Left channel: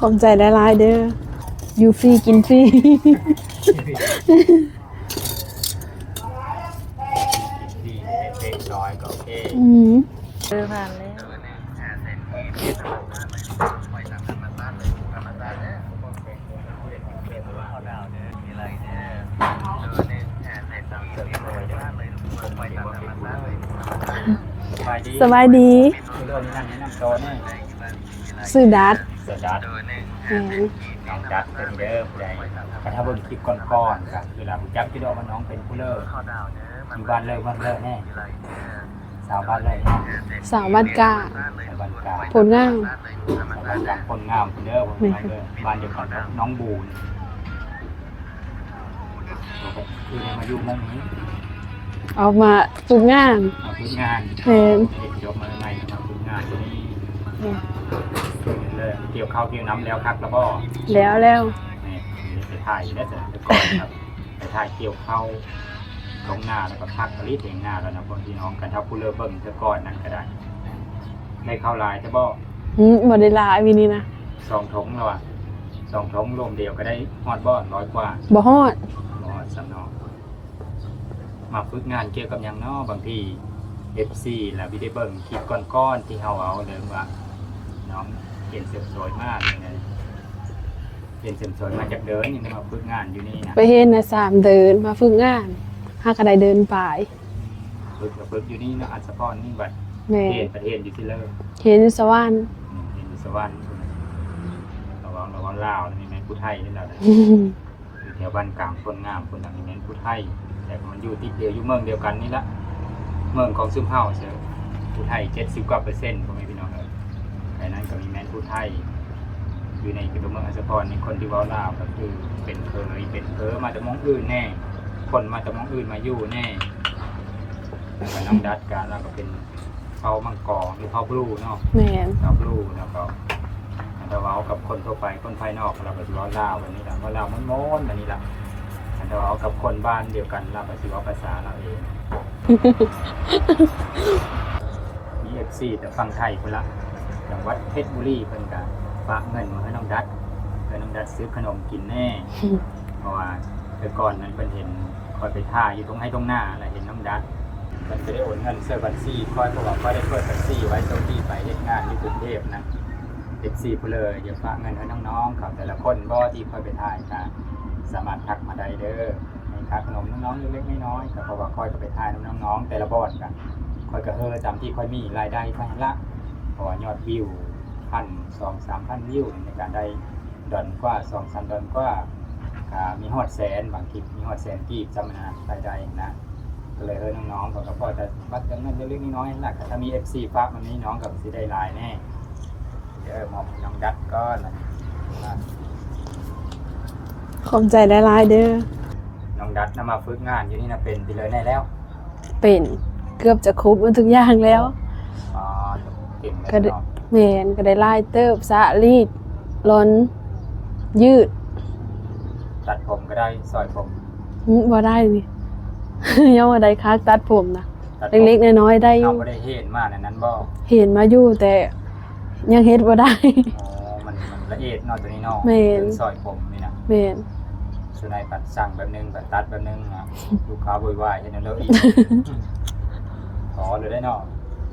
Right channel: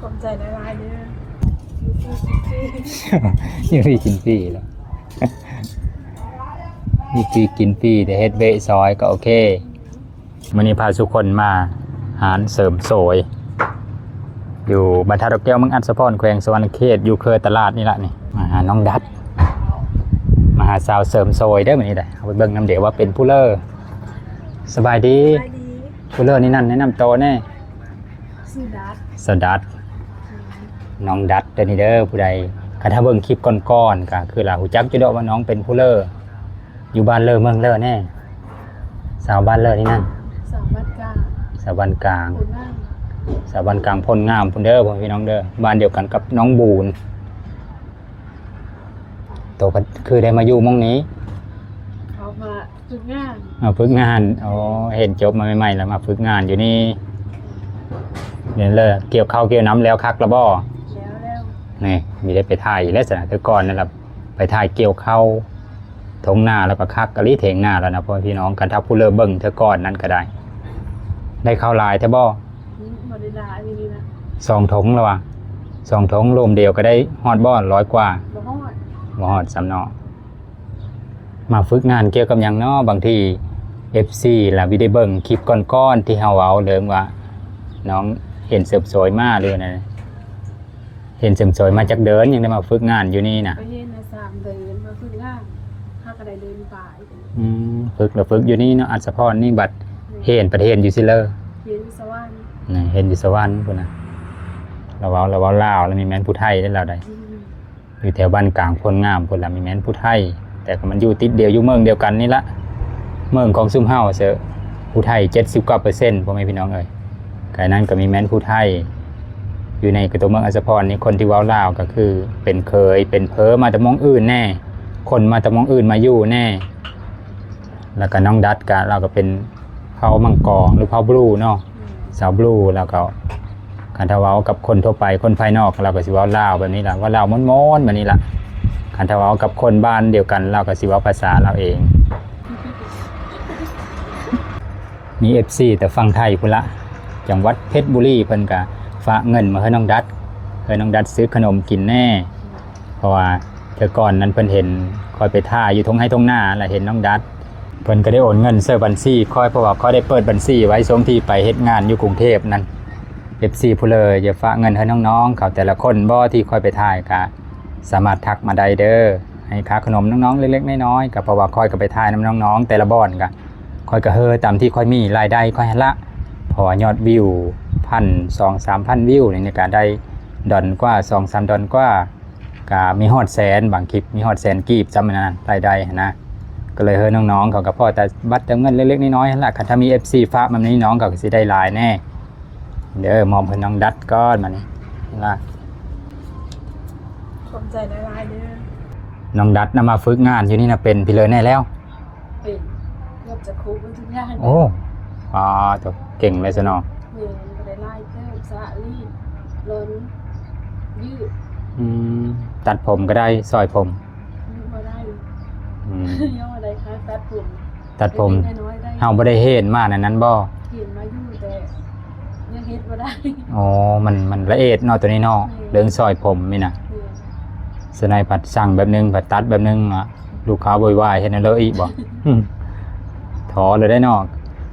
ขอบใจหลายๆเด้ออยู่ฟรีกินฟรีนี่คือกินฟรีนี่คือกินฟรีแต่เฮ็ดเวะซอยก็โอเคอืมวันนี้พาทุกคนมาหารเสริมโสวยอยู่บรรทัดดอกแก้วเมืองอัศพรแขวงสวรรณเขตอยู่เคยตลาดนี่ละนี่มาหาน้องดัดมาหาสาวเสริมโสวยได้อมื้อนี้เด้อเอาไปเบิ่งนำเดี๋ยวว่าเป็นผู้เลอสบายดีสบายดีผู้เลอนี่นั่นแนะนำตัวแน่ซื้อดัดสดัดแม่ นน้องดัดเด้อนี่เด้อผู้ใดคันถ้าเบิ่งคลิปก่อนๆก็คือล่ะฮู้จักอยู่ดอกว่าน้องเป็นผู้เลออยู่บ้านเลอเมืองเลอแน่สาวบ้านเลอนี่นั่นสาวบ้านกาสาวบ้านกลางผลงานสาวบ้านกลางพลงามพุ่นเด้อพ่อพี่น้องเด้อบ้านเดียวกันกับน้องบูนโตกันคือได้มาอยู่หมองนี้เอามาฝึกงานมาฝึกงานอ๋เห็นอเห็นจบมาใหม่ๆแล้วมาฝึกงานอยู่นี่ เนี่ยเลยเกี่ยวข้าวเกี่ยวน้ำแล้วคักแล้วบ่แล้วแล้วนี่มีได้ไปถ่ายอยู่แล้วสินะแต่ก่อนนั่นแหละไปถ่ายเกี่ยวข้าวทงหน้าแล้วก็คักกะลิเถงหน้าแล้วนะพ่อพี่น้องกันถ้าผู้เลิเบิ่งเธอก่อนนั้นก็ได้ ได้ข้าวลายเธอบ่หืมบ่ได้หลายวินี่นะสองถงแล้ววะสองถงรวมเดียวก็ได้ฮอดบ่อนร้อยกว่าบ่ฮอดบ่ฮอดสำเนาะมาฝึกงานเกี่ยวกับหยังเนาะบางที FC ล่ะวิได้เบิ่งคลิปก้อนๆที่เฮาเอาเดิมว่าน้อง เห็นเสริมสวยมากเลยนะเห็นเสริมสวยมาจากเดินยังได้มาฝึกงานอยู่นี่นะไปเฮ็ดนะสามเดินมาฝึกงานหากระไดเดินป่ายอืมฝึกแล้วฝึกอยู่นี่เนาะอัศพรนี่บัดแม่เห็นประเทศอยู่ซิเลอร์เห็นอยู่สวรรค์ นะเห็นอยู่สวรรค์พุ่นน่ะเราเว้าเราเว้าลาวแล้วมีแม่นผู้ไทยได้แล้วได้ อยู่แถวบ้านกลางพลงามพุ่นละมีแม่นผู้ไทย แต่ก็มันอยู่ติดเดียวอยู่เมืองเดียวกันนี่ละเมืองของซุ่มเฮาเซอะผู้ไทย70กว่าเปอร์เซ็นต์พ่อแม่พี่น้องเอ้ย ไก่นั้นก็มีแม่นผู้ไทย อยู่ในกระตัวเมืองอัสสพรนี่คนที่เว้าลาวก็คือ เป็นเคยเป็นเพอมาแต่หมองอื่นแน่ คนมาแต่หมองอื่นมาอยู่แน่ แล้วก็น้องดัดกะเราก็เป็นเผามังกรหรือเผาบลูเนาะแม่นสาวบลูแล้วก็คันทาเว้ากับคนทั่วไปคนภายนอกเราก็สิเว้าลาวแบบนี้ล่ะว่าลาวม้อนๆแบบนี้ล่ะคันทาเว้ากับคนบ้านเดียวกันเราก็สิเว้าภาษาเราเอง มี FC แต่ฟังไทยพุ่นละ จังหวัดเพชรบุรีเพิ่นก็ฝากเงินมาให้น้องดัดให้น้องดัดซื้อขนมกินแน่ เพราะว่าแต่ก่อนนั้นเพิ่นเห็นคอยไปท่าอยู่ทงให้ทงหน้าแหละเห็นน้องดัดเพิ่นก็ได้โอนเงินเสื้อบัญชีคอยเพราะว่าเขาได้เปิดบัญชีไว้ช่วงที่ไปเฮ็ดงานอยู่กรุงเทพนั้น FC ผู้เลยอย่าฝากเงินให้น้องๆเขาแต่ละคนบ่ที่คอยไปถ่ายก็สามารถทักมาได้เด้อให้ค่าขนมน้องๆเล็กๆน้อยๆก็เพราะว่าคอยก็ไปถ่ายน้น้องๆ แต่ละบ่อนก็คอยก็เฮอตามที่คอยมีรายได้คอยหันละ เพราะว่ายอดวิวพันสองสามพันวิวนี่ก็ได้ดอนกว่าสองสามดอนกว่าก็มีฮอดแสนบางคลิปมีฮอดแสนกีบจำมันนะรายได้หั้นนะก็เลยเฮ้ยน้องๆเขาก็พอแต่บัตรเติมเงินเล็กๆน้อยๆนั่นแหละคันถ้ามี FC ฝากมันนี้น้องก็สิได้หลายแน่เด้อมอมเพิ่นน้องดัดก้อนมันนะขอบใจหลายๆเด้อน้องดัดนำมาฝึกงานอยู่นี่นะเป็นพี่เลยแน่แล้ว เป็นเกือบจะครบหมดทุกอย่างแล้วโอ้อ๋อตัว เก่งเลยซะเนาะแม่นก็ได้ลายเติบสะรีดล้น ยืดอืมตัดผมก็ได้ซอยผมหืมบ่ได้นี่อืมยังว่าได้คักตัดผมนะตัดผมเล็กๆน้อยๆได้อเอายู่บ่ได้เห็นมาในนั้นบ่เห็นมาอยู่แต่ยังเฮ็ดบ่ได้อ๋อมันมันละเอียดเนาะตัวนี้เนาะแม่เรื่องซอยผมนี่นะแม่นสนายผัดสั่งแบบนึงผัดตัดแบบนึงอะลูกค้าโวยวายเห็นแล้วอีกบ่อืมท้อเลยได้เนอก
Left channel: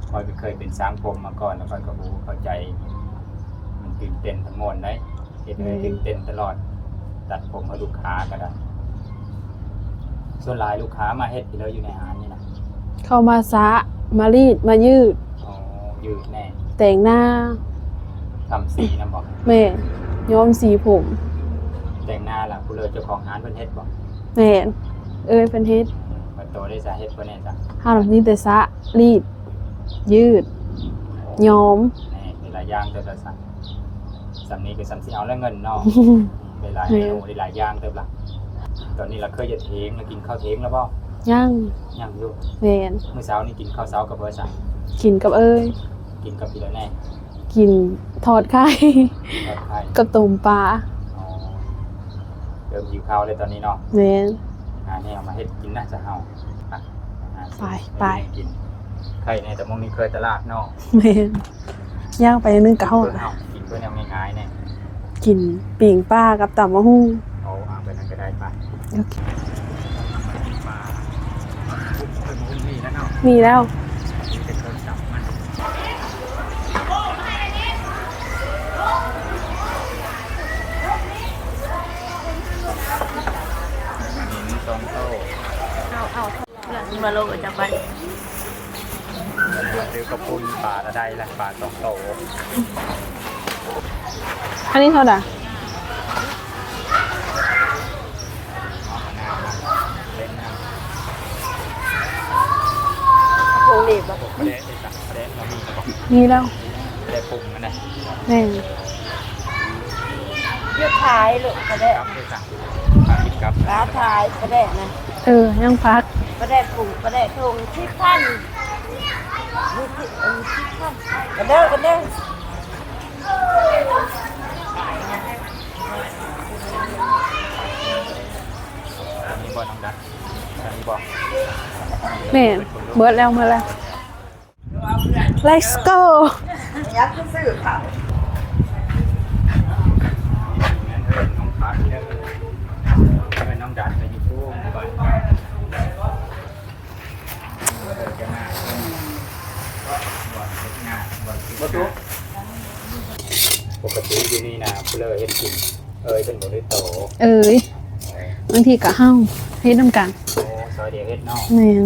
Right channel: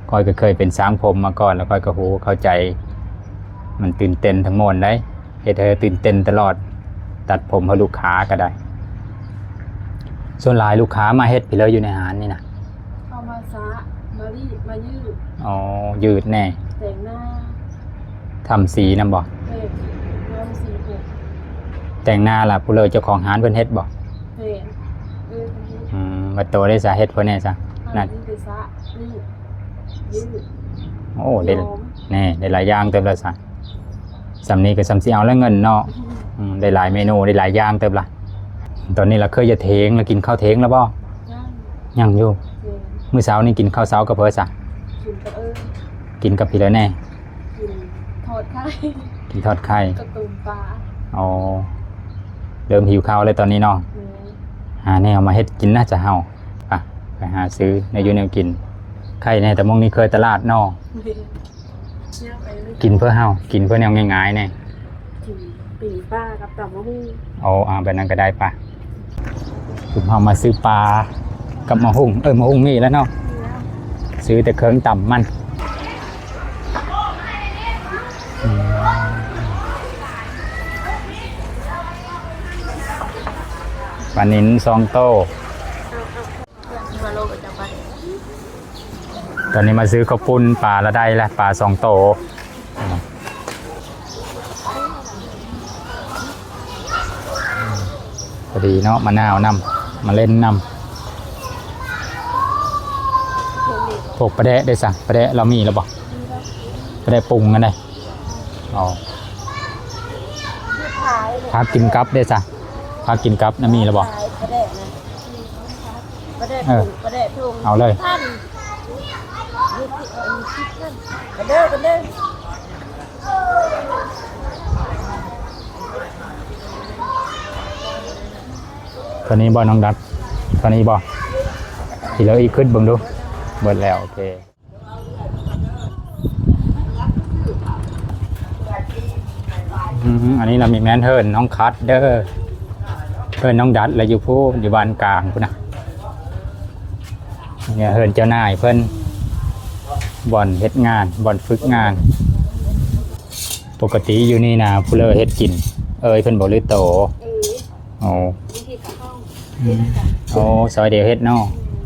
คอยก็เคยเป็นสร้างผมมาก่อนแล้วคอยก็โหเข้าใจ มันตื่นเต้นทั้งหมดได้เฮ็ดให้เธอตื่นเต้นตลอด ตัดผมให้ลูกค้าก็ได้ ส่วนหลายลูกค้ามาเฮ็ดพี่เลยอยู่ในหารนี่นะเข้ามาสะมารีดมายืด อ๋อยืดแน่ แต่งหน้าทำสีนำบ่แม่นย้อมสีผม แต่งหน้าล่ะผู้เลยเจ้าของหารเพิ่นเฮ็ดบ่แม่นเอ้ยเพิ่นเฮ็ดอืมบัดโตได้สาเฮ็ดเพิ่นแน่จ้ะเฮาน่ะมีแต่สะรีด ยืดโอ้ย้ได้อมแน่ได้หลายอย่างเติบละซะสำนี้ก็สำสิเอาแล้วเงินเนาะอืมได้หลายเมนูได้หลายอย่างเติบละตอนนี้เราเคยจะเทงแล้วกินข้าวเทงแล้วบ่ย่างยังอยู่แม่นมื้อเช้านี่กินข้าวเช้ากับเพิ่นซะกินกับเอ้ยกินกับพี่แล้วแน่กินทอดไข่กินทอดไข่กับต้มปลาอ๋อเริ่มหิวข้าวเลยตอนนี้เนาะแม่นหาแนวมาเฮ็ดกินน่าจะเฮาไปไปหาซื้อไปในอยูแนวกิน ไข่แน่แต่มองนี้เคยตลาดเนาะแม่นย่างไปนึงกินเก่าเพื่อเฮากินเพื่อแนวง่ายๆแน่กินปิ่งปลากับตำมะฮุ่งเอาอ่าแบบนั้นก็ได้ปะผมเอามาซื้อปลากับมะฮุ่งเออมะฮุ่งนี่แล้วเนาะมีแล้ว ซื้อแต่เครื่องต่ำมันอืมปลานินซองโตมาโลกจังไปต อนนี้มาซื้อข้าวปุ้นปลาละได้และปลาสองโต อันนี้เท่าไหร่พอดีเนาะมะนาวนำมาเล่นนโควิดำพวกปลาแดะได้สั่งปลาแดะเรามีแล้วบอกมีแล้วปลาแดะปรุงกันได้แม่นเอาขายลูกพากินกับได้สั่งพากินกับนั่นมีแล้วบอกขายประเดะนะเออยังพัก ประเดะถุงประเดะถุงเอาเลย ท่าน ดูที่ดูที่ท่านกันเด้อกันเด้อตอนนี้บอน้องดัดตอนนี้บอทีแล้วอีกขึ้นเบิ่งดูเบิดแล้วมาแล้วเบิดแล้ว โอเค let's go อันนี้เรามีแมนเฮิร์นน้องคัทเด้อเฮิร์นน้องดัดและอยู่ผู้อยู่บ้านกลางพุ่นนะเนี่ยเฮิร์นเจ้านายเพิ่น บ่อนเฮ็ดงานบ่อนฝึกงาน ปกติอยู่นี่นะผู้เลอเฮ็ดกิน เอ้ยเพิ่นบ่ลือโตเอ้ยโอ้บางทีก็เฮาเฮ็ดนํกันโอ้ซอยเดียวเฮ็ดเนาะแม่น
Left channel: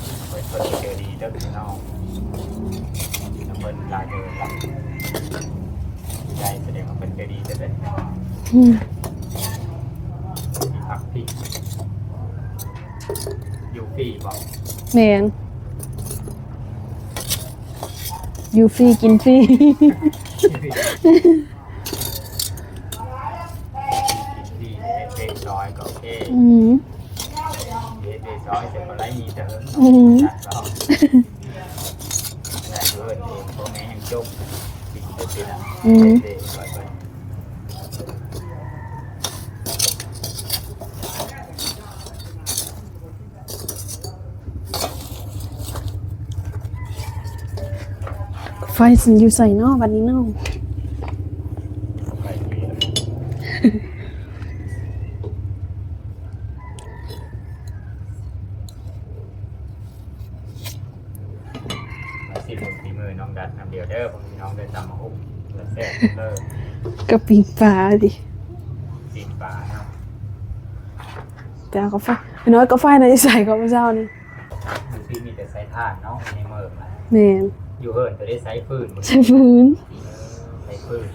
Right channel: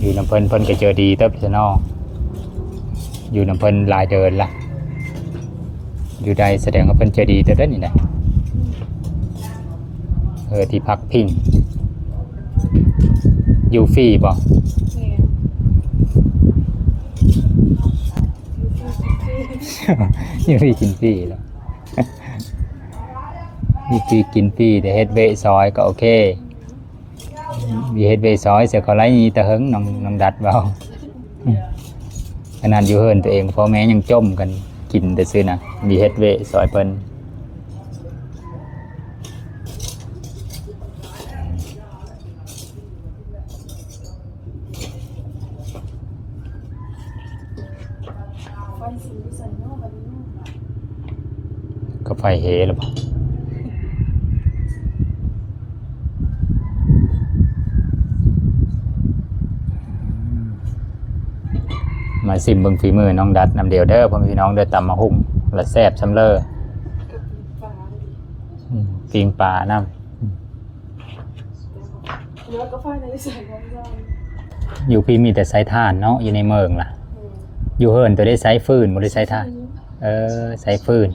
อยู่น้ำเพิ่นเพิ่นก็เจอดีเติบเด้อเนาะอยู่น้ำเพิ่นหลายเดินละอยู่ใดแสดงว่าเพิ่นเจอดีเติบเด้อนี่นะอืมเออที่พักพิงอยู่ฟรีบ่แม่น อยู่ฟรีกินฟรี อยู่ฟรีกินฟรีอยู่ฟรีกินฟรีแต่เฮ็ดเวะซอยก็โอเคอืมมีเฮ็ดเวะซอยเสียเขาไล่ยีตะเหิงน้องอืมน้องดัดเบาขนาดอยู่เฮินตัวเองพ่อแม่ยังจมกันกินแต่ซื้อนะมีเฮ็ดเวะซอยเพิ่น ไฟสิอยู่ใส่เนอกบัดนี้เนอกก็ไฟเฮแล้วบ่มาสิมเบิ่งฝีมือน้องดัดนำเดียวเด้อพ่อพี่น้องเด้อตำมาหุ่มและแซ่บซำเลอก็ปิ่งปลาดิปิงปลาน้แต่เอาก็ไฟน้อยก็ไฟในะใส่ก็พระเจ้านี่ำอยู่พี่มีแต่ไซถ่านเนาะอยู่ในเมืองล่ะแม่น อยู่เฮิร์นตัวได้ไซฟืนบ่ได้ไซถ่านพื้นเออไซฟืน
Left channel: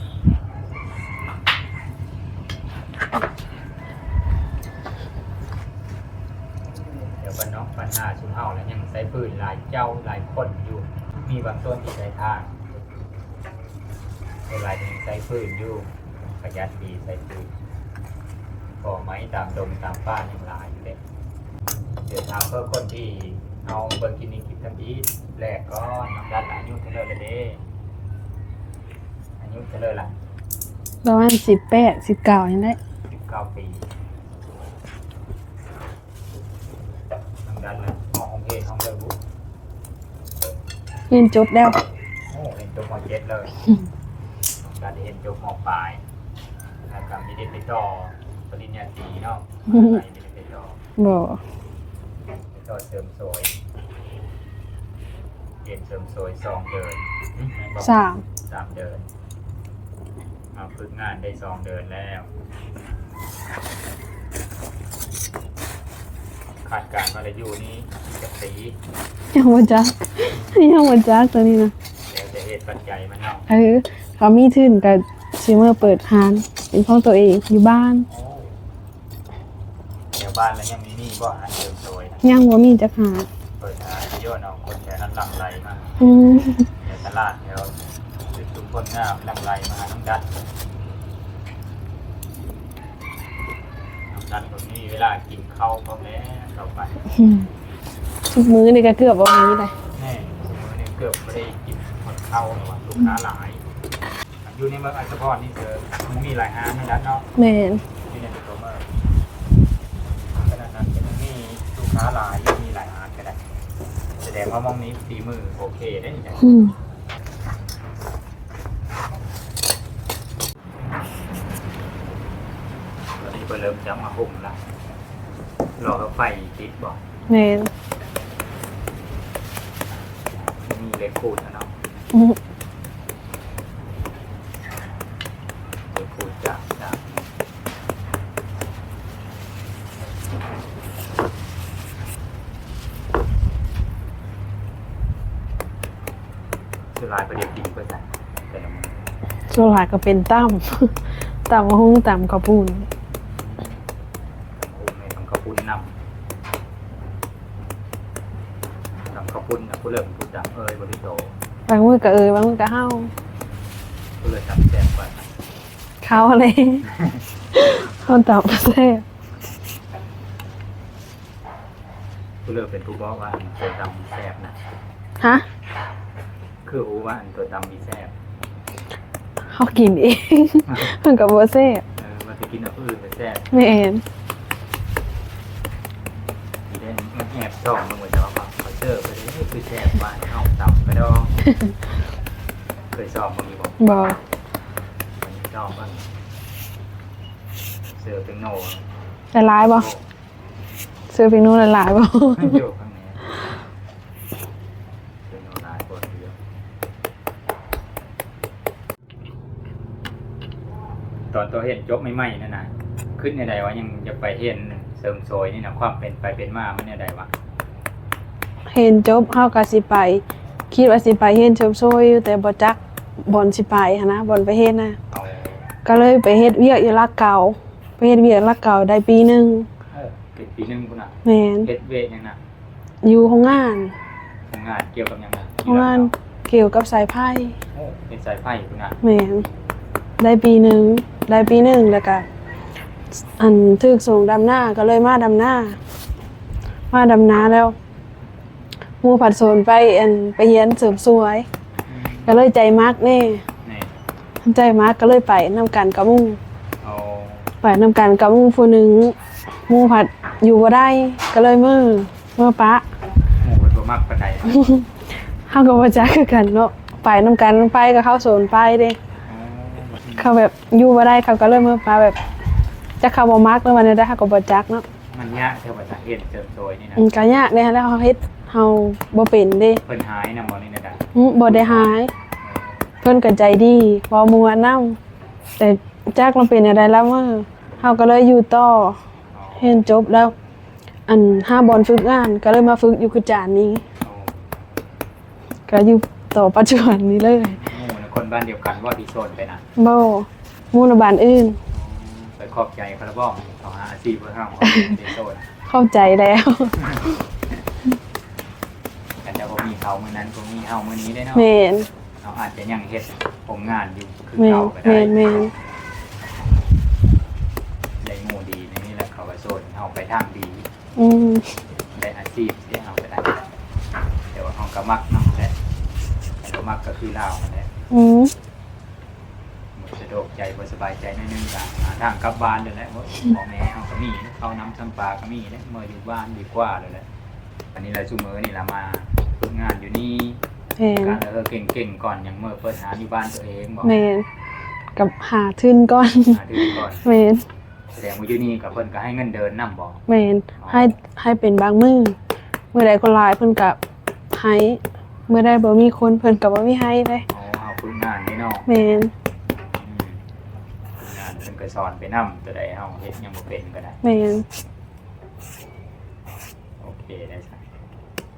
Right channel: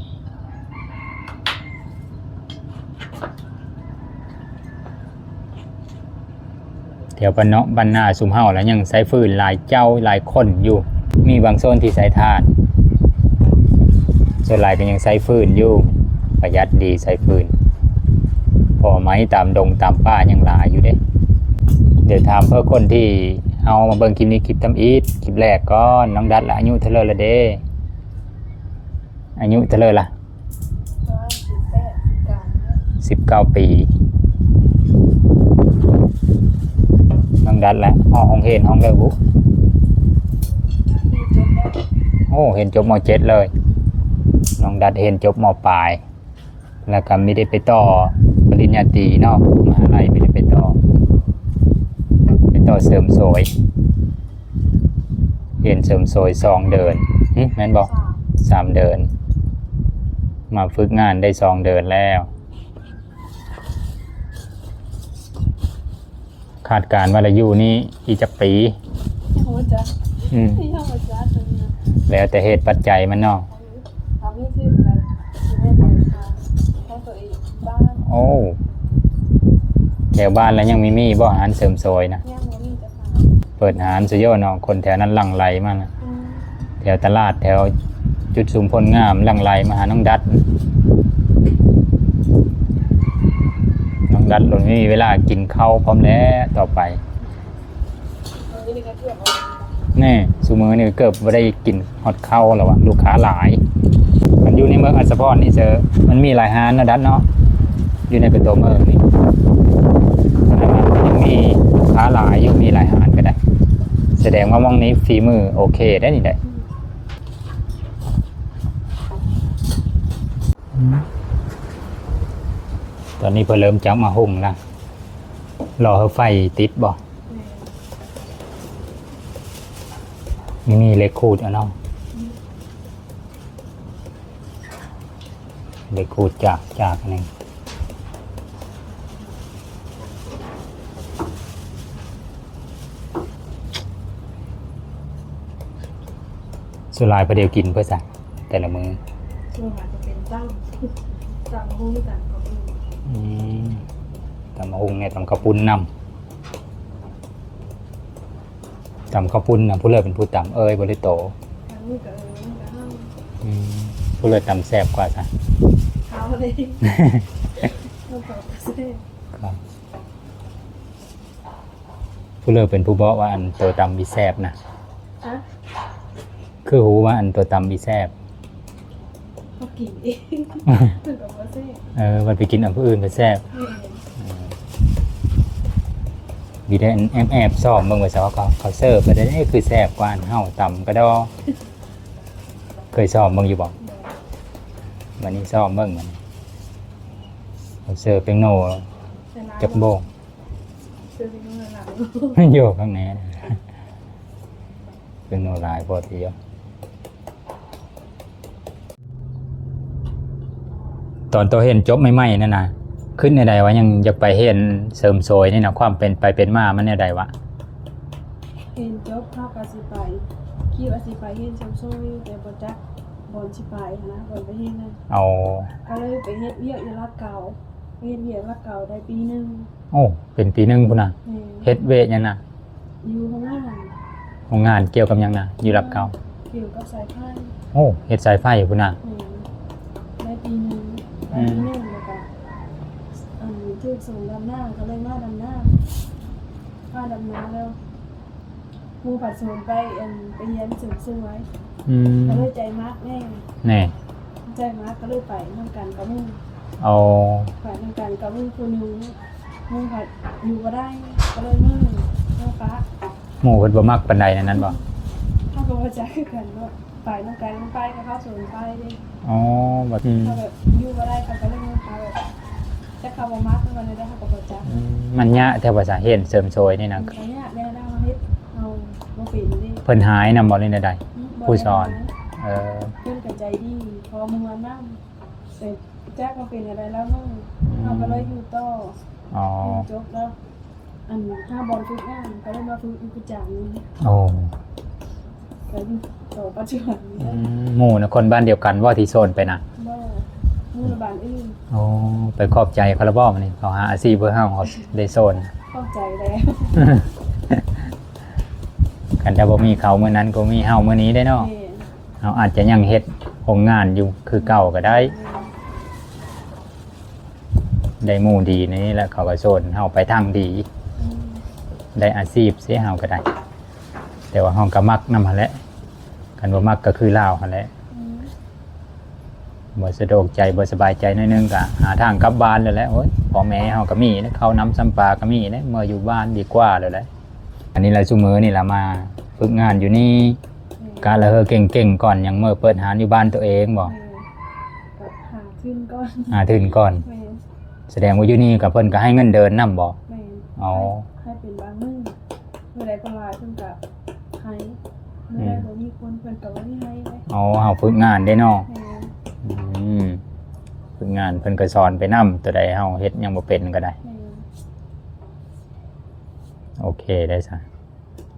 แถวบ้านเนาะบ้านนาสุมเฮาแล้วยังไซฟืนหลายเจ้าหลายคนอยู่ มีบางโซนที่ไซถ่านส่วนหลายก็ยังไซฟืนอยู่ ประหยัดดีไซฟืน พอไหมตามดงตามป่ายังหลายอยู่เด้ เดี๋ยวถามเพื่อคนที่ เอามาเบิ่งคลิปนี้คลิปทำอีทคลิปแรกก็น้องดัดละอายุเท่าไหรละเด้อายุเท่าไหรละประมาณสิบแปดสิบเก้ายังได้สิบเก้าปีน้องดัดละห้องห้องเห็นห้องเลยบุ๊กเรียนจบแล้ว โอ้เห็นจบมเจ็ดเลยน้องดัดเห็นจบมปลาย แล้วก็ไม่ได้ไปต่อปริญญาตรีเนาะมหาลัยไม่ได้ไปต่อ บ่ไปต่อเสริมสวยเรียนเสริมสวยสองเดินหึแม่นบอกสามสามเดิน มาฝึกงานได้สองเดินแล้ว คาดการณ์ว่าอายุนี้อีกจะปียังบ่จักอืมยังบ่จักตัวนี้นะแล้วแต่เหตุปัจจัยมันเนาะเออเขามีทุนกับซิเมอร์เปิดร้านเป็นของตัวเองอยู่บ้าน โอ้ แถวบ้านแล้วยังมีมีบ่อาหารเสริมสวยนะยังบ่มีจักหาเปิดอาหารสุดยอดเนาะคนแถวนั้นหลั่งไหลมากอืมแถวตลาดแถวจุดสูงพลงามหลั่งไหลมาหาน้องดัดน้องดัดตรงนี้มีเวลากินข้าวพร้อมแล้วต่อไป ทุกมื้อนี่ก็เกือบบ่มีเลยแน่ซูมือนี่เกือบไม่ได้กินฮอตเข้าแล้ววะลูกค้าหลายมันอยู่ในเมืองอัสสะพรนี่เจอมันมีหลายฮานนะดัดเนาะแม่นอยู่ในเป็นตัวเมืองนี่ยังมีลูกค้าหลายยังมีหลายฮานก็ได้แสดงว่ามองนี้ฝีมือโอเคได้นี่ได้อืมตอนนี้เพิ่นเริ่มจับมาหุ่งแล้วรอให้ไฟติดบ่แม่นนี่ มีเหล็กขูดอะเนาะอืมเหล็กขูดจากจากนี่สุรายประเดี๋ยวกินเพื่อสัแต่ละมือส่วนหลายก็เป็นตั้มตั้มหุ้งตั้มกระปูนอืมตำมะฮุงเนี่ยตำข้าวปุ้นนำ ตำข้าวปุ้นนะผู้เลิศเป็นผู้ตำเอ้ยบริโตบางมื้อก็เออบางมื้อก็เฮาอืมผู้เลิศตำแซ่บกว่าสันเขาอะไรเขาตอบแซ่บผู้เลิศเป็นผู้บอกว่าอันตัวตำมีแซ่บนะฮะคือหูว่าอันตัวตำมีแซ่บเขากินเอง มันก็บ่แซ่บเออมันไปกินอันผู้อื่นไปแซ่บแม่น มีได้แอบแอบๆซ่อมเบิ่งไว้ซะว่าเขาเขาเสิร์ฟไปได้เอ้ยคือแซ่บหวานเฮาตำก็ดอ เคยซ่อมเบิ่งอยู่บ่บ่วันนี้ซ่อมเบิ่งเขาเสิร์ฟเป็นโน่ละลายบ่โบกซื้อเป็นนู่นละลายบ่โยกข้างในเป็นโนลายพอเทียมตอนตัวเห็นจบใหม่ๆนั่นนะ ขึ้นในใดวะยังจะไปเห็นเสริมโซยนี่นะความเป็นไปเป็นมามันในใดวะเห็นจบเฮาก็สิไป คิดว่าสิไปเฮ็ดเชิมโซยอยู่แต่บ่จักบ่อนสิไปหันนะบ่อนไปเฮ็ดนะเอาก็เลยไปเฮ็ดเวียกอยู่ลักเก่าไปเฮ็ดเวียกลักเก่าได้ปีหนึงโอ้เป็นปีหนึงพุ่นนะแม่นเฮ็ดเวทยังนะอยู่โรงงานโรงงานเกี่ยวกับหยังนะอโรยู่งรับงานเขาเกี่ยวกับสายไฟโอ้เฮ็ดสายไฟพุ่นนะแม่นได้ปีหนึงได้ปีหนึงแล้วก็ อันถึกส่งดำหน้าก็เลยมาดำหน้า มาดำนาแล้วหมู่ผัดโซนไปอันไปเฮียนเสริมสวย อืมก็เลยใจมักแน่แน่ใจมักก็เลยไปนำกันกับหมู่เอาไปนำกันกับหมู่ผู้หนึงหมู่ผัดอยู่บ่ได้ก็เลยมือเมื่อปะหมู่เพิ่นบ่มักปานใดนั่นน่ะบ่ เฮาก็บ่จักคือกันเนาะไปนำกันไปกับเขาโซนไปเด้ อ๋อบัดนี้เขาแบบอยู่บ่ได้เขาก็เลยมือปะแบบ จะเขาบ่มักแล้วมันได้เขาก็บ่จักเนาะมันยะแถวภาษาเฮ็ดเสริมโซยนี่นะมันก็ยากเด้แล้วเขาเฮ็ดเฮาบ่เป็นเด้เพิ่นหายนำบ่นี่ใดอืมบ่ได้หาย ๆเออเพิ่นก็ใจดีบ่มัวนํแต่จักมันเป็นอะไรแล้วมื้อเฮาก็เลยอยู่ต่ออ๋อเรียนจบแล้ว อันห้าบอลฝึกงาน ก็เลยมาฝึกอยู่คือจานนี้ โอ้ก็อยู่ต่อปัจจุบันนี้เลยหมู่นะคนบ้านเดียวกันว่าที่โซนไปนะบ่หมู่ละบานอื่น โอ้ ไปขอบใจคาราบอมนี่เขาหาอาชีพเพื่อเฮาเขาได้โซนเข้าใจแล้วกันจะบ่มีเขาเมื่อนั้นก็มีเฮาเมื่อนี้ได้เนาะแม่นเราอาจจะยังเฮ็ดโรงงานอยู่คือเก่าก็ได้แม่นได้หมู่ดีในนี่แหละเขาก็โซนเฮาไปทางดีอืมได้อาชีพเสียเฮาก็ได้ แต่ว่าเฮาก็มักนำหั่นแหละกันบ่มักก็คือลาวหั่นแหละอืม บ่สะดวกใจบ่สบายใจหนิดนึงก็หาทางกลับบ้านเลยแหละโอ้ยพ่อแม่เฮาก็มีนะเขาน้ำซ้ำปลาก็มีนะเมื่ออยู่บ้านดีกว่าเลยแหละอันนี้แหละซุมื้อนี่ล่ะมาฝึกงานอยู่นี่ แม่นการละเฮอเก่งๆก่อนยังเมื่อเปิดหาอยู่บ้านตัวเองบ่แม่นกับหาทุนก่อนหาถึงก่อน แม่นแสดงว่าอยู่นี่กับเพิ่นก็ให้เงินเดินนํบ่ แม่นอ๋อ ให้ให้เป็นบางมื้อมื้อใดคนหลายเพิ่นก็ให้มื้อใดบ่มีคนเพิ่นก็บ่มีให้เลยอ๋อเฮาฝึกงานได้เนาะแม่นอืม ฝึกงานเพิ่นก็สอนไปนํตัวใดเฮาเฮ็ดยังบ่เป็นก็ได้ แม่นโอเคได้ซะ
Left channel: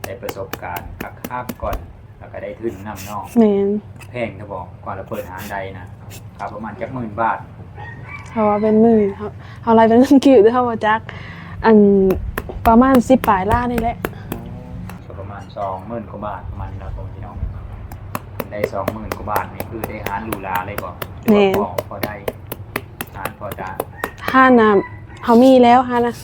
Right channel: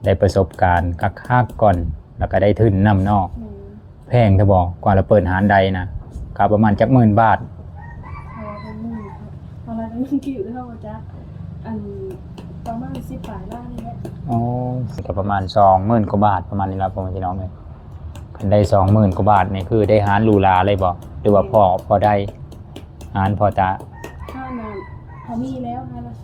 ได้ประสบการณ์คักๆก่อน แล้วก็ได้ทุนนำเนาะแม่นแพงเถอะบอกกว่าเราเปิดหารใดนะก็ประมาณจักหมื่นบาทเพราะว่าเป็นมื้อเฮาเฮาไล่เป็นเงินกิ้วเด้อเฮาบ่จักอันประมาณ10ปลายล้านนี่แหละ อ๋อก็ประมาณสองหมื่นกว่าบาทประมาณนี้ละประมาณพี่น้องเนี่ยได้สองหมื่นกว่าบาทนี่คือได้หารหรูหราเลยบอกหรือว่าพอพอได้ หารพอจะห้าน่ะเฮามีแล้วห้านะ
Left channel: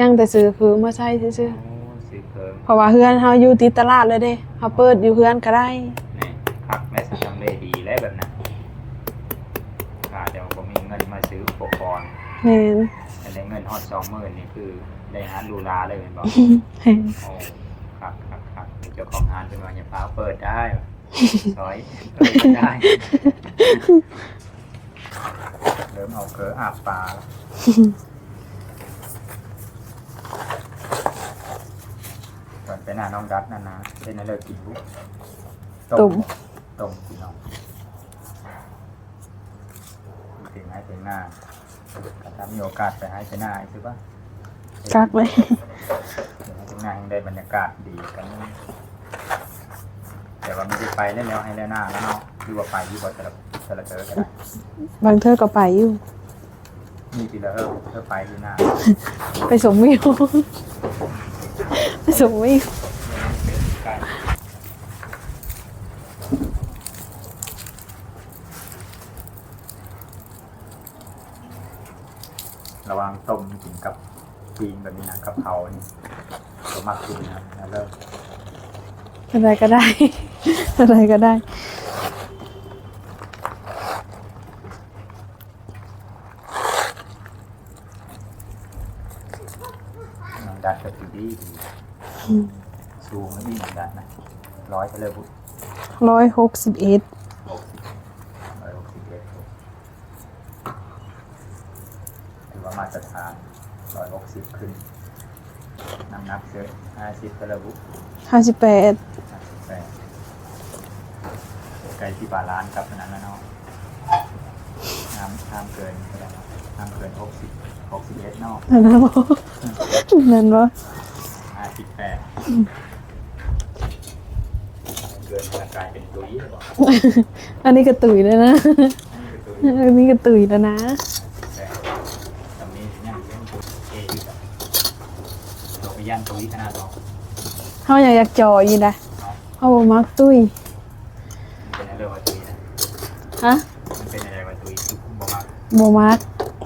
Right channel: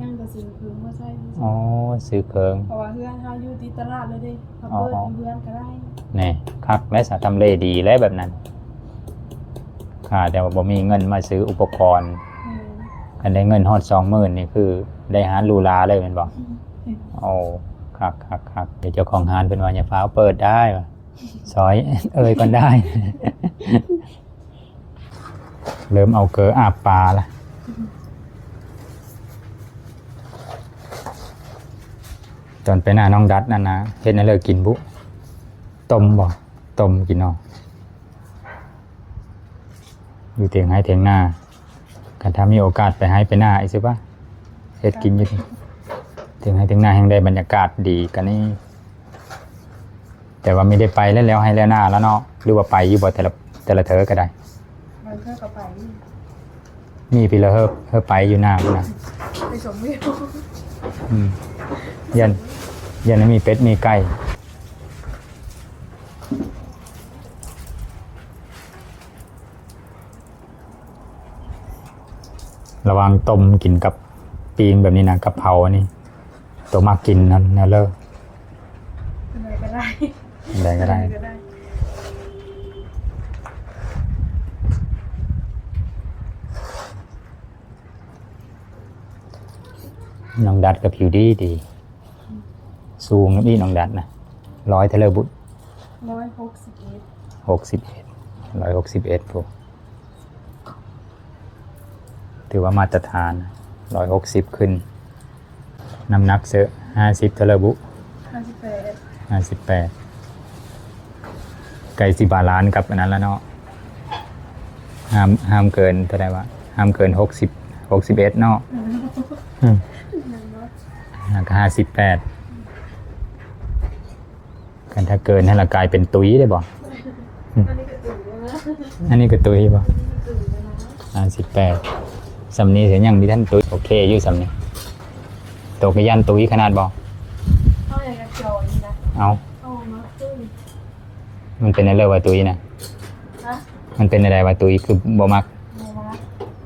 ยังแต่ซื้อคือมาใช้ซื่อ๋ออซื้อเพิงๆเพราะว่าเฮือนเฮาอยู่ติดตลาดเลยเด้เฮาเปิดอยู่เฮือนก็ได้ นี่คักและสทำเลดีและแบบนั้นอ่าแต่ว่าบ่มีเงินมาซื้ออุปกรณ์แม่นอันได้เงินฮอดสองหมื่นนี่คือได้หารหรูหราเลยเป็นบอกโอ้คักคักคักเดี๋ยวเจ้าของร้านเป็นวันอย่าฟ้าวเปิดได้ว่ะ ซอย เอ่ยกันได้ เริ่มเอาเกลืออาบปลาละตอนไปหน้าน้องดัดนั่นนะเฮ็ดให้เลิกกินบุต้มบ่ต้มกินเนาะอยู่เถียงให้เถียงหน้ากันถ้ามีโอกาสไปให้ไปหน้าอีกสิปะเฮ็ดกินกักไว้เถียงให้เถียงหน้าแห่งได้บรรยากาศดีกันนี่แต่ว่าไม่ได้ไปแล้วแล้วให้แล้วหน้าแล้วเนาะหรือว่าไปอยู่บ่แต่ละแต่ละเธอก็ได้ บางเธอก็ไปอยู่ มีพี่ละเฮิบเฮิบไปอยู่หน้าเนาะไปสมวิวอืมไปสมวิวยันมีเป็ดมีไก่ระวังต้มกินกับปีงแบบนี้นะกับเผาอันนี้ตัวมากกินนั่นนะเลิกอะไรก็ได้ อะไรอะไรก็ก็ได้ น้อง ดัดกับผิวดีดี สูงนะพี่น้องดัดนะร้อยเทเลอร์บุตร้อยหกสิบเอ็ดหกสิบเอ็ดร้อยหกสิบเอ็ดผมถือว่ามาตรฐานร้อยหกสิบขึ้น น้ำหนักเซอะห้าสิบเทเลอร์บุห้าสิบแปดห้าสิบแปดไก่สิบาลานซ์กับอันนั้นแล้วเนาะห้ามห้ามเกินเท่าไหร่วะห้ามเกินหกสิบ หกสิบเอ็ดเนาะนั่นนะบอนั่นบอก็ห้าสิบแปดกันถ้าเกินให้ละกลายเป็นตุ้ยได้บ่อันนี้ก็ตุยแล้วนะ อันนี้ก็ตุ้ยบ่อันนี้ก็ตุยแล้วนะห้าสิบแปดสำนีเสียยังมีท่านตุ้ยโอเคอยู่สำนีตกไปยันตุ้ยขนาดบ่เขาอยากอยากจอยอยู่นะเอาเขาบอกมักตุยมันเป็นอะไรว่าตุ้ยนะฮะ มันเป็นอะไรว่าตุ้ยคือบ่มักโบมัก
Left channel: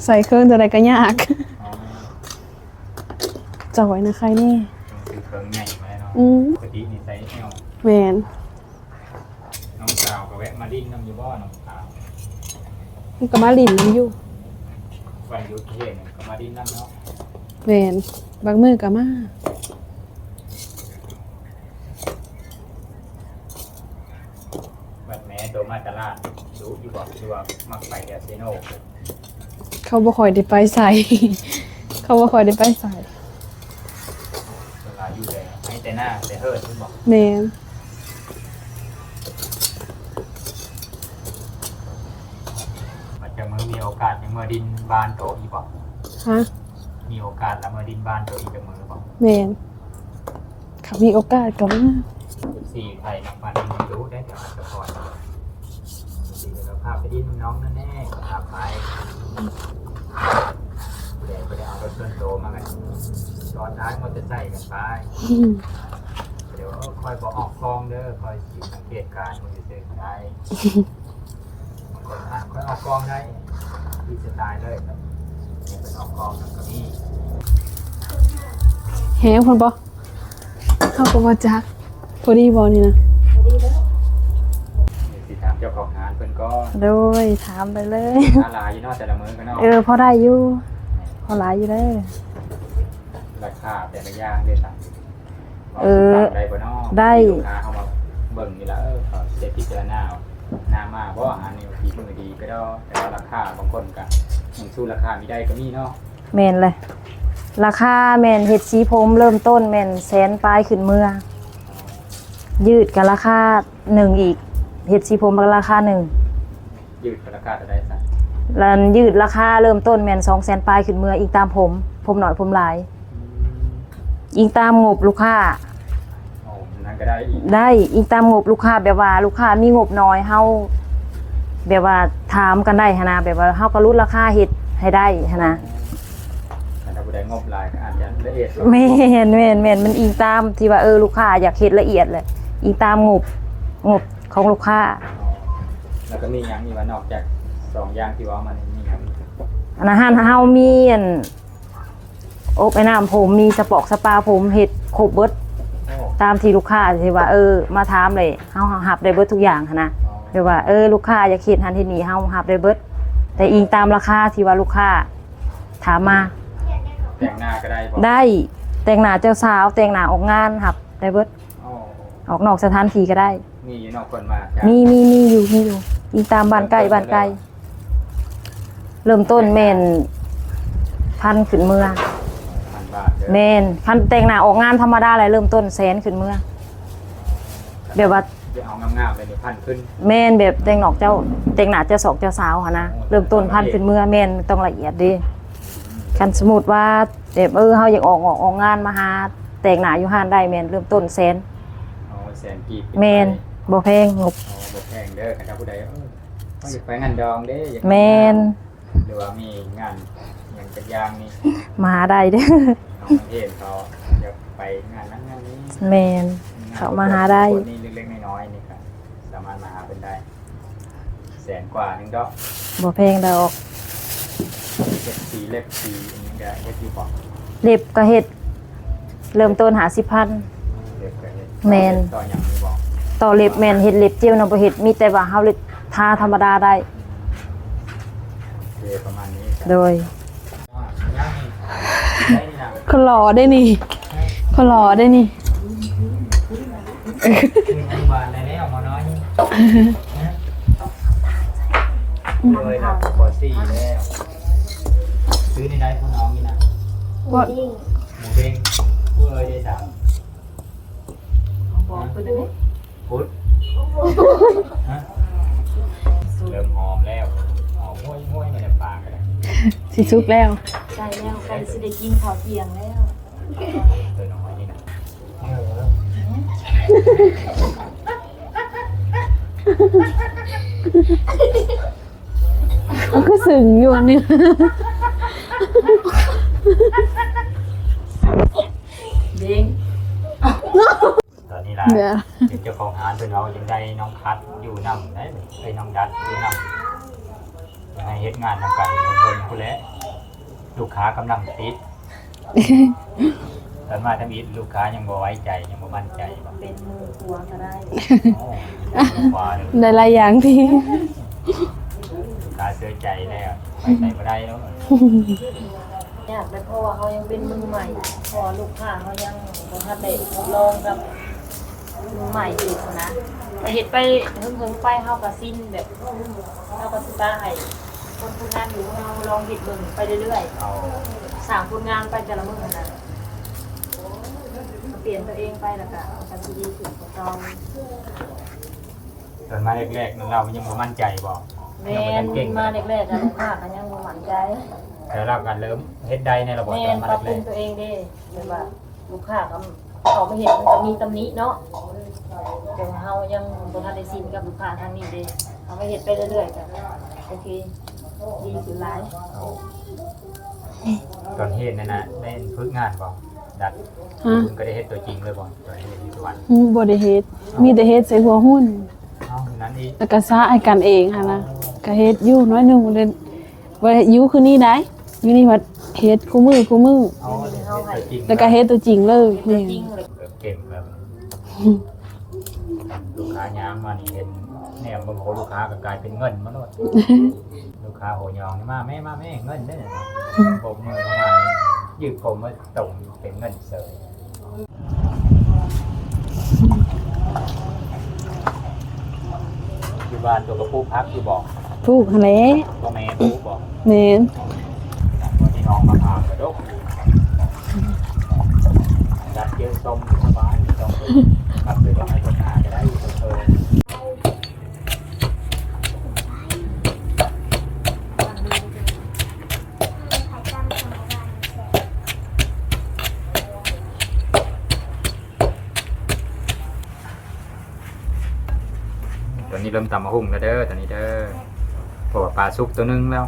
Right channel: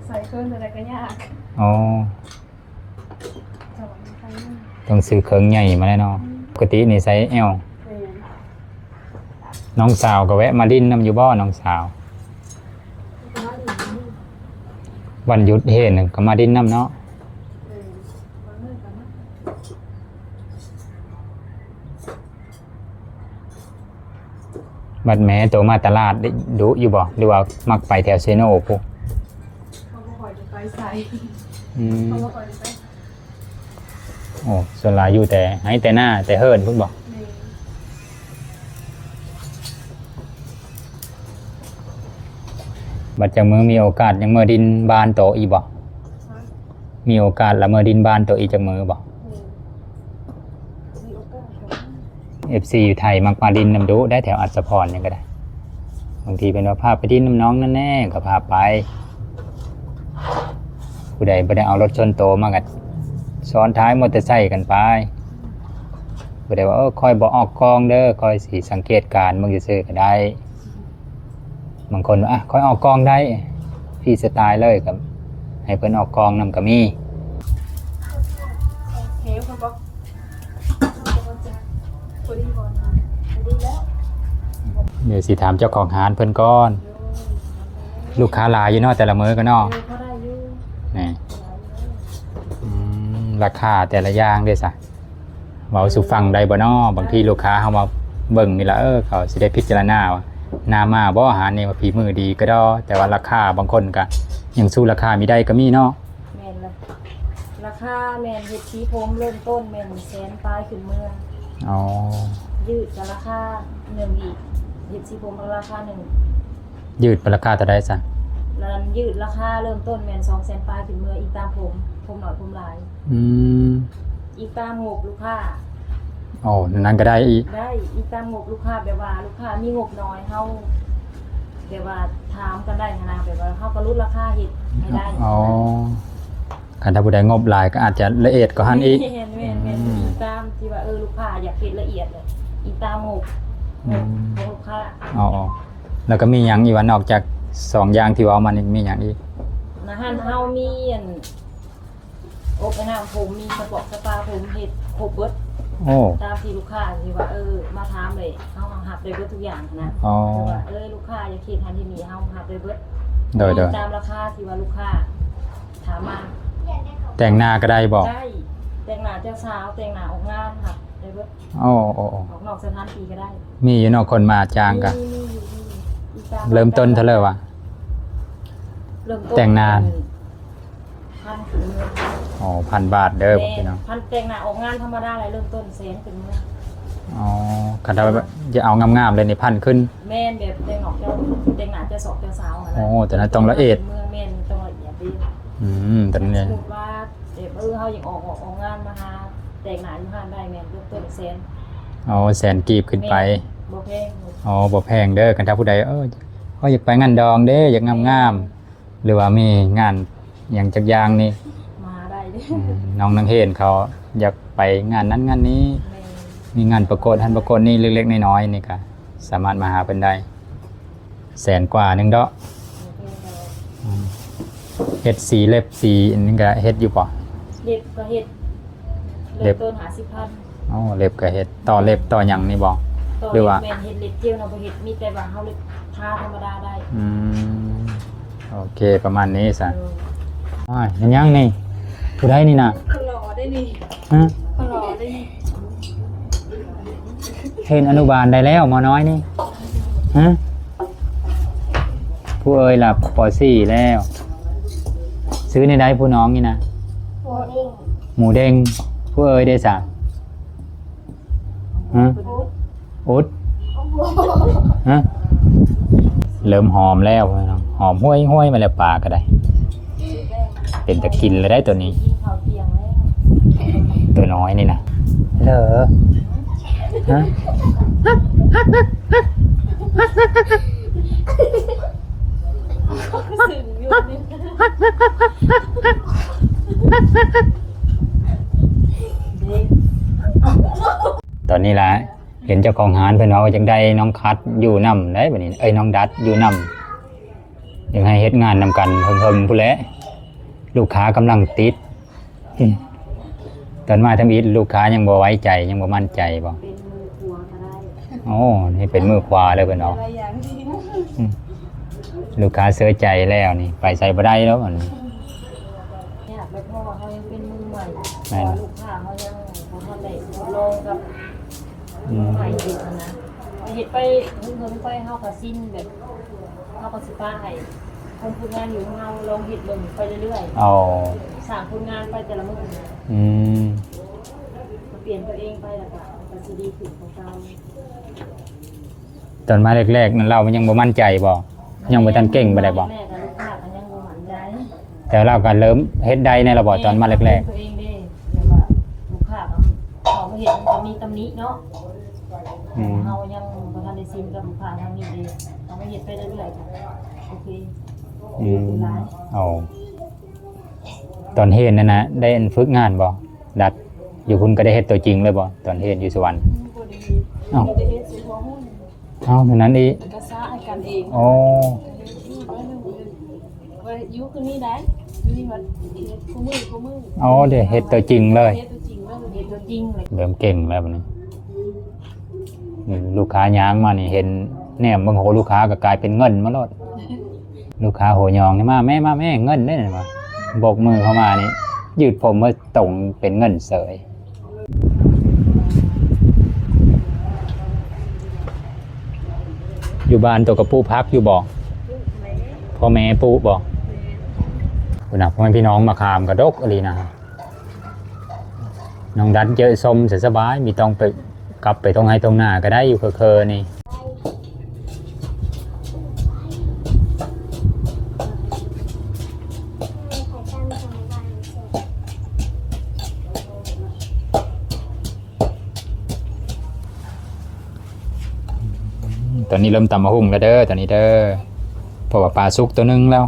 ใส่เครื่องตัวใดก็ยากอ๋อจอยนะใครแนี่ต้องซื้อเครื่องใหญ่มาแล้วเนาะอืมปกตินี่ไซส์ L แมนน้องสาวก็แวะมาดิ้นน้ำอยู่บ่น้องสาวมันก็มาลินมันอยู่วันหยุดเห็นก็มาดิ้นน้ำเนาะแมนบางมือก็มาบัดแม้ตัวมาตลาดได้ดูอยู่บ่หรือว่ามักไปแถวเซโนพวก เขาบ่คอยได้ไปใส่เขาบ่คอยได้ไปใส่โอ้ส่วนหลายอยู่แต่ให้แต่หน้าแต่เฮิร์นพุ่นบอกแมนบัดจากมือมีโอกาสยังเมื่อดินบานโตอีบ่ฮะมีโอกาสละเมื่อดินบานโตอีจากมือบ่แมนเขามีโอกาสก็มา FC อยู่ไทยมักมาดินน้ำดูได้แถวอัศพรเนี่ยก็ได้บางทีเป็นว่าพาไปดินน้ำน้องนั่นแน่ก็พาไป ผู้ใดบ่ได้เอารถชนโตมากันซ้อนท้ายมอเตอร์ไซค์กันไปผู้ใดว่าเออคอยบ่ออกกองเด้อคอยสิสังเกตการมึงจะซื้อก็ได้ บางคนว่าอะคอยออกกองได้พี่สไตล์เลยกับให้เพิ่นออกกองนำก็มีแฮงคนบ่เข้าก็บ่จักพอดีบ่นี่นะ เดี๋ยวสิถามเจ้าของร้านเพิ่นก่อนโดยถามไปเลยลูกค้าหลายอยู่เนาะแต่ละมื้อก็เนาะเออพอได้อยู่นี่พอหลายอยู่เด้ออืมราคาแต่ละอย่างเด้ซะเว้าเออสู่ฟังได้บ่เนาะบางทีได้ลูกค้าเฮามาเบิ่งนี่ล่ะเออเขาสิได้พิจารณาว่าหน้ามาบ่อาหารนี่ว่าฝีมือดีก็ดอแต่ว่าราคาบางคนก็ยังสู้ราคามีได้ก็มีเนาะแมนเลยราคาแมนเห็ดสีผมเริ่มต้นแมนแสนปลายขึ้นเมื่ออ๋อยืดกับราคาหนึ่งอีก เห็ดสีผมกับราคาหนึ่งยืดเป็นราคาเท่าใดซะแล้วยืดราคาเริ่มต้นแมนสองแสนปลายขึ้นเมื่ออีกตามผม ผมหน่อยผมหลายอืมอีกตามงบลูกค้าโอ้นั่นก็ได้อีกได้อีกตามงบลูกค้าแบบว่าลูกค้ามีงบน้อยเฮาแบบว่าถามกันได้หั้นนะแบบว่าเฮาก็รุดราคาเห็ดให้ได้หั้นนะอ๋อคันถ้าผู้ใดงบหลายก็อาจจะละเอียดก็หันแม่อีกนแม่นแม่นมันอิงตามที่ว่าเออลูกค้าอยากเห็ดละเอียดเลยอิงตามงบ งบของลูกค้าอ๋อแล้วก็มีหยังอีกว่านอกจากสองอย่างที่เว้ามานี่มีหยังอีกอันนะฮะเฮามีอันโอ้ไปน้ำผมมีสปอกสปาผมเห็ดครบเบิดโอ้ตามที่ลูกค้าที่ว่าเออมาถามเลยเฮาหับได้เบิดทุกอย่างหั้นนะอ๋อแบบว่าเออลูกค้าอยากเห็ดหันที่นี่เฮาหับได้เบิดแต่ได้อิงได้ตามราคาที่ว่าลูกค้าถามมา แต่งหน้าก็ได้บอกได้แต่งหน้าเจ้าสาวแต่งหน้าออกงานหับได้เบิด โอ้โอ้โอ้ออกนอกสถานที่ก็ได้ มีอยู่เนอกคนมาจ้างมีกันมีมีอยู่มีอยู่อิงตามบ้านเริ่มไกลต้นบ้านเท่าไหร่ไกลวะ เริ่มต้นแต่งหน้า แม่นพันขึ้นเมื่ออ๋อพันบาทเด้อแม่นพันแต่งหน้าออกงานธรรมดาอะไรเริ่มต้นแสนขึ้นเมื่ออ๋อขนาเดี๋ดยวว่า จะเอางามๆเลยนี่พันขึ้น แม่นแบบแต่งหนอกเจ้าแต่งหน้าเจ้าสอกเจ้าสาวอะนะโอ้แต่เริ่มต้นต้องละพันเอียด ขึ้นเมื่อแม่นต้องละเอียดดิ อืมแต่กันเนี่ยสมมุติว่าแบบเออเฮาอยากออกออกออกงานมาหา แต่งหน้าอยู่ห้านได้แม่นเริ่มต้นแสนเอาแสนกีบขึ้นแม่ไปนบ่แพงงบอ๋อบ่แพงเด้อกันถ้าผู้ใดเออก็อยากไปงานดองเด้อยากแม่งามนๆหรือว่ามีงานอย่างจักอย่างนี่ มาหาได้เด้อน้องนังเฮนเขาอยากไปงานนั้นงานนี้แม่นมีงานประกวดเขามาหาได้ ประกวดนี่เล็กๆน้อยๆนี่ก็สามารถมาหาเป็นได้ แสนกว่าหนึงเด้อบ่แพงดอกเฮ็ดสีเล็บสีอันนี้ก็เฮ็ดอยู่ป่ะเล็บก็เฮ็ด เริ่เล็มบต้นหาสิพัน อ๋อเล็บก็เฮ็ดต่อแม่นเล็บต่อหยังนี่บ่ต่อหรือเล็บว่าแม่นเฮ็ดเล็บเจียวนำบ่เฮ็ดมีแต่ว่าเฮาเล็บทาธรรมดาได้อืมโอเคประมาณนี้ซะโดยอ้ายมันยังนี่ผู้ใดนี่น่ะคนหล่อได้นี่ฮะคนหล่อได้นี่เทนอนุบาลได้แล้วหมอน้อยนี่ฮะผู้เอ่ยหลับปอสี่แล้ว ซื้อในใดผู้น้องนี่นะว่าหมูเด้ง ผู้เอ่ยได้สั่งฮะอุดฮะเริ่มหอมแล้วครับหอมห้วยห้วยมาแล้วปลาก็ได้ สิซุกแล้ว เป็นตะกินเลยได้ตัวนี้ กินข้าวเที่ยงแล้วตัวน้อยนี่นะเหรอฮะมันก็สึงอยู่นี่ ตอนนี้ล่ะเนี่ยเห็นเจ้าของหานเพิ่นเอาจังได้น้องคัดอยู่นํได้บัดนี้เอ้ยน้องดัดอยู่นํยังให้เฮ็ดงานนำกันเพิ่มๆผู้นแหละลูกค้ากำลังติด ตอนมาทำอิฐลูกค้ายังบ่ไว้ใจยังบ่มั่นใจบ่โอ้นี่เป็นมือขวาเลยเพิ่นในเอาหลายอย่างที่ลูกค้าเสียใจแล้วนี่ไปใส่บ่ได้แล้วมันะว่าเขายังเป็นมือใหม่เพราะว่าลูกค้าเขายังบ่ทันได้ลองกับมือใหม่อยู่นะไปเฮ็ดไปเฮิงๆไปเฮาก็สิ้นแบบเฮาก็สิตาให้คนผู้งานอยู่ของเราลองเฮ็ดเบิ่งไปเรื่อยเอาๆสร้างผลงานไปแต่ละมื้อนะอืมเปลี่ยนตัวเองไปแล้วก็กันที่ดีขึ้นของเราตอนมาแรกๆนั้นเรามันยังบ่มั่นใจบ่ยังบ่ทันเก่งบ่ได้บ่แรกๆอะลูกค้าก็ยังบ่มั่นใจ แต่เราก็เริ่มเฮ็ดได้ในระบบตอนมาแรกตัวเองเด้แบบว่าลูกค้าก็เขามาเห็นมันก็มีตำหนิเนาะๆอืม เฮายังบ่ทันได้ชินกับลูกค้าทางนี้เด้เอาไปเฮ็ดไปเรื่อยๆก็โอเคอืมหลายเอาตอนเฮ็ดนั่นนะได้ฝึกงานบ่ดัดอยู่คุณก็ได้เฮ็ดตัวจริงเลยบ่ตอนเฮ็ดอยู่สวรรค์ อืมบ่ได้เฮ็ดอ้าว มีแต่เฮ็ดใส่หัวหุ้น เอ้าเท่านั้นอีก แล้วก็ซ่าให้กันเองหั่นนะโอ้ก็เฮ็ดอยู่น้อยหนึงเลยว่าอยู่คือนี่ได้ อยู่นี่ว่าเฮ็ดคู่มือคู่มืออ๋อเดี๋ยวเฮ็ดตัวจริงแล้วเลก็ยเฮ็ดตัวจริงเลยนี่จริงเลยเริ่มเก่งแล้วบัดนี้อืมลูกค้าย้างมานี่เห็นแนมเบิ่งโหลูกค้าก็กลายเป็นเงินมาโลด ลูกค้าโหยองนี่มาแม่มาแม่เงินได้น่ะบ่โบกมือเข้ามานี่ยืดผมมาตรงเป็นเงินเสยอยู่บ้านตัวกับปูพักอยู่บ่ถูกหั่นแหละพ่อแม่ปูบ่แม่น คุณน่ะพ่อแม่พี่น้องมาคามกระดกอะไรนะน้องดันเจอส้มสสบายมีต้องไปกลับไปตรงไหนตรงหน้าก็ได้อยู่เคอๆนี่ตอนนี้เริ่มตำมะฮุ่งแล้วเด้อตอนนี้เด้อเพราะว่าปลาสุกตัวหนึงแล้ว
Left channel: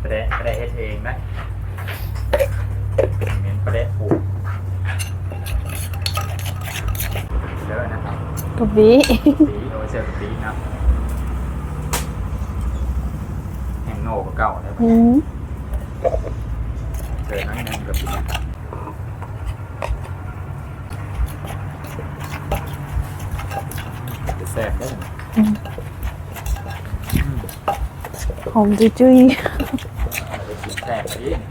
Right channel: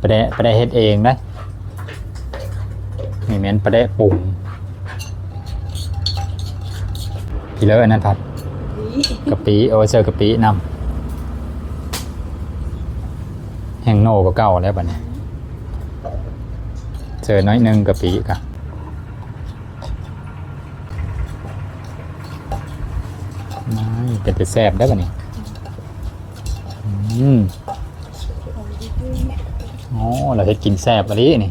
ไปได้ไปได้เฮ็ดเองนะนี่แม่นไปได้ปรุงพี่เลอะนั่นครับกะปิกะปิโอาไว้เจอกะปินำแห้งโน่ก็เก่าแล้วบัดอืนี้มเจอน้อยหนึงกะปิครับนี่เป็นจะแซ่บได้ป่ะนี่อืม หอมจุ้ยอ๋อเราได้กินแซ่บอันนี้นี่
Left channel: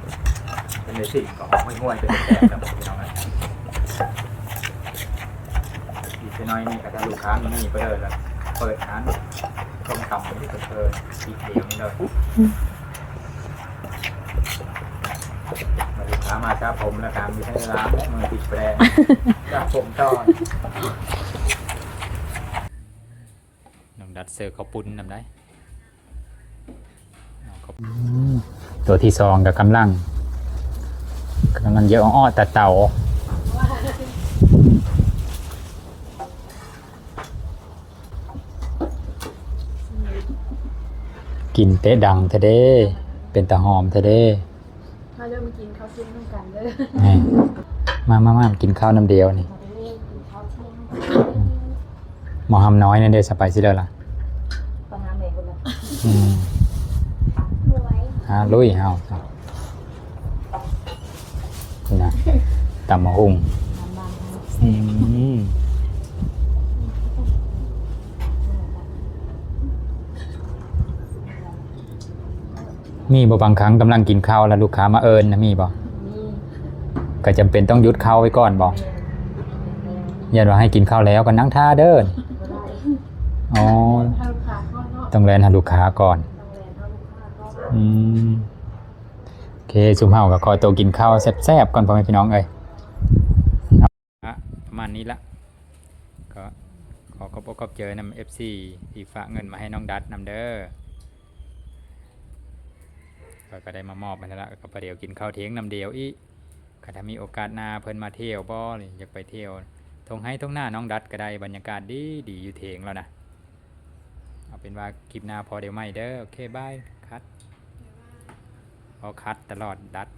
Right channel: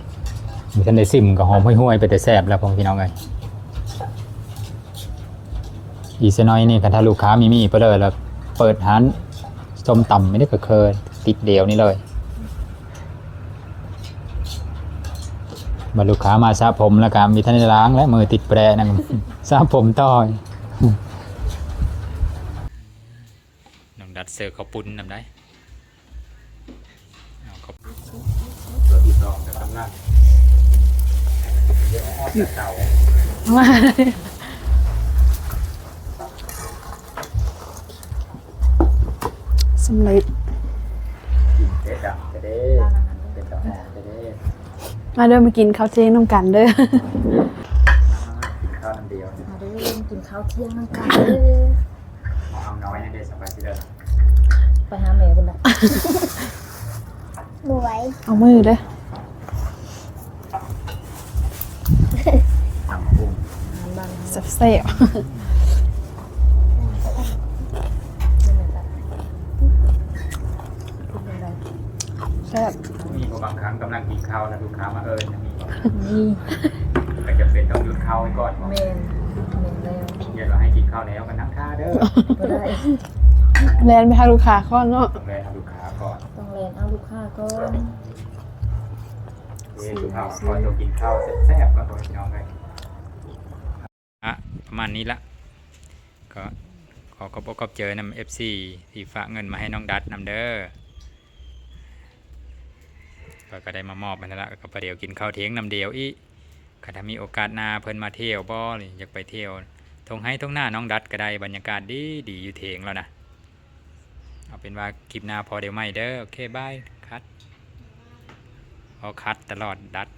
มีท่านได้ซิมก็หอมห้วยๆไปแต่แซ่บแล้วพ่อพี่น้องเลยอีกสักหน้อยนี่กันถ้าลูกค้ามีมีไปเลยแล้วเปิดร้านส้มตำไม่ได้ก็เคยติดเดียวนี่เลยบรรลูกค้ามาสระผมแล้วก็มีท่านได้ล้างและมือติดแปรนำสระผมต่อน้องดัดเซอร์เขาปุ้นนำได้เอาเขา ตัวที่สองกับกำลังกำลังเยอะอ้อแต่เต่ามาสำเร็จกินเตะดังเทเด้ เป็นตาหอมเทเด้ มาเดินมากินข้าวเที่ยงน้ำกันเด้อนี่มามามากินข้าวน้ำเดียวนี่มาเด้อกินข้าวเที่ยงนั่งกันเด้อหมอหำน้อยนั่นเด้สไปซิเดอร์ล่ะไปหาแม่พุ่นละรวย เอามือลุยเลยเอานี่นะตำมะฮุ่งหาบ้างเซ่บอืมๆแซ่บมีบ่บางครั้งกำลังกินข้าวแล้วลูกค้ามาเอิญนะมีบ่นี่ก็จำเป็นต้องหยุดข้าวไว้ก่อนบ่แม่นแม่นแล้วยันว่าให้กินข้าวแล้วก็นั่งท่าเด้อบ่ได้อ๋อแลนไปหาลูกค้าก่อนเนาะต้องแลนหาลูกค้าก่อน อืมโอเคซุมเฮาก็ขอตัวกินข้าวแซ่บๆก่อนพ่อแม่พี่น้องเอ้ยอะประมาณนี้ละก็ขอขอบอกขอบเจอนำ FC ที่ฝากเงินมาให้น้องดัดนำเด้อก็ก็ได้มามอบไปแล้วละก็ประเดี๋ยวกินข้าวเที่ยงนำเดียวอีก็ถ้ามีโอกาสหน้าเพิ่นมาเที่ยวบ่อยากไปเที่ยวทงให้ทงหน้าน้องดัดก็ได้บรรยากาศดีดีอยู่เทงแล้วนะ เอาเป็นว่าคลิปหน้าพอเดี๋ยวไม่เด้อโอเคบาย เอาคัดตลอดดัด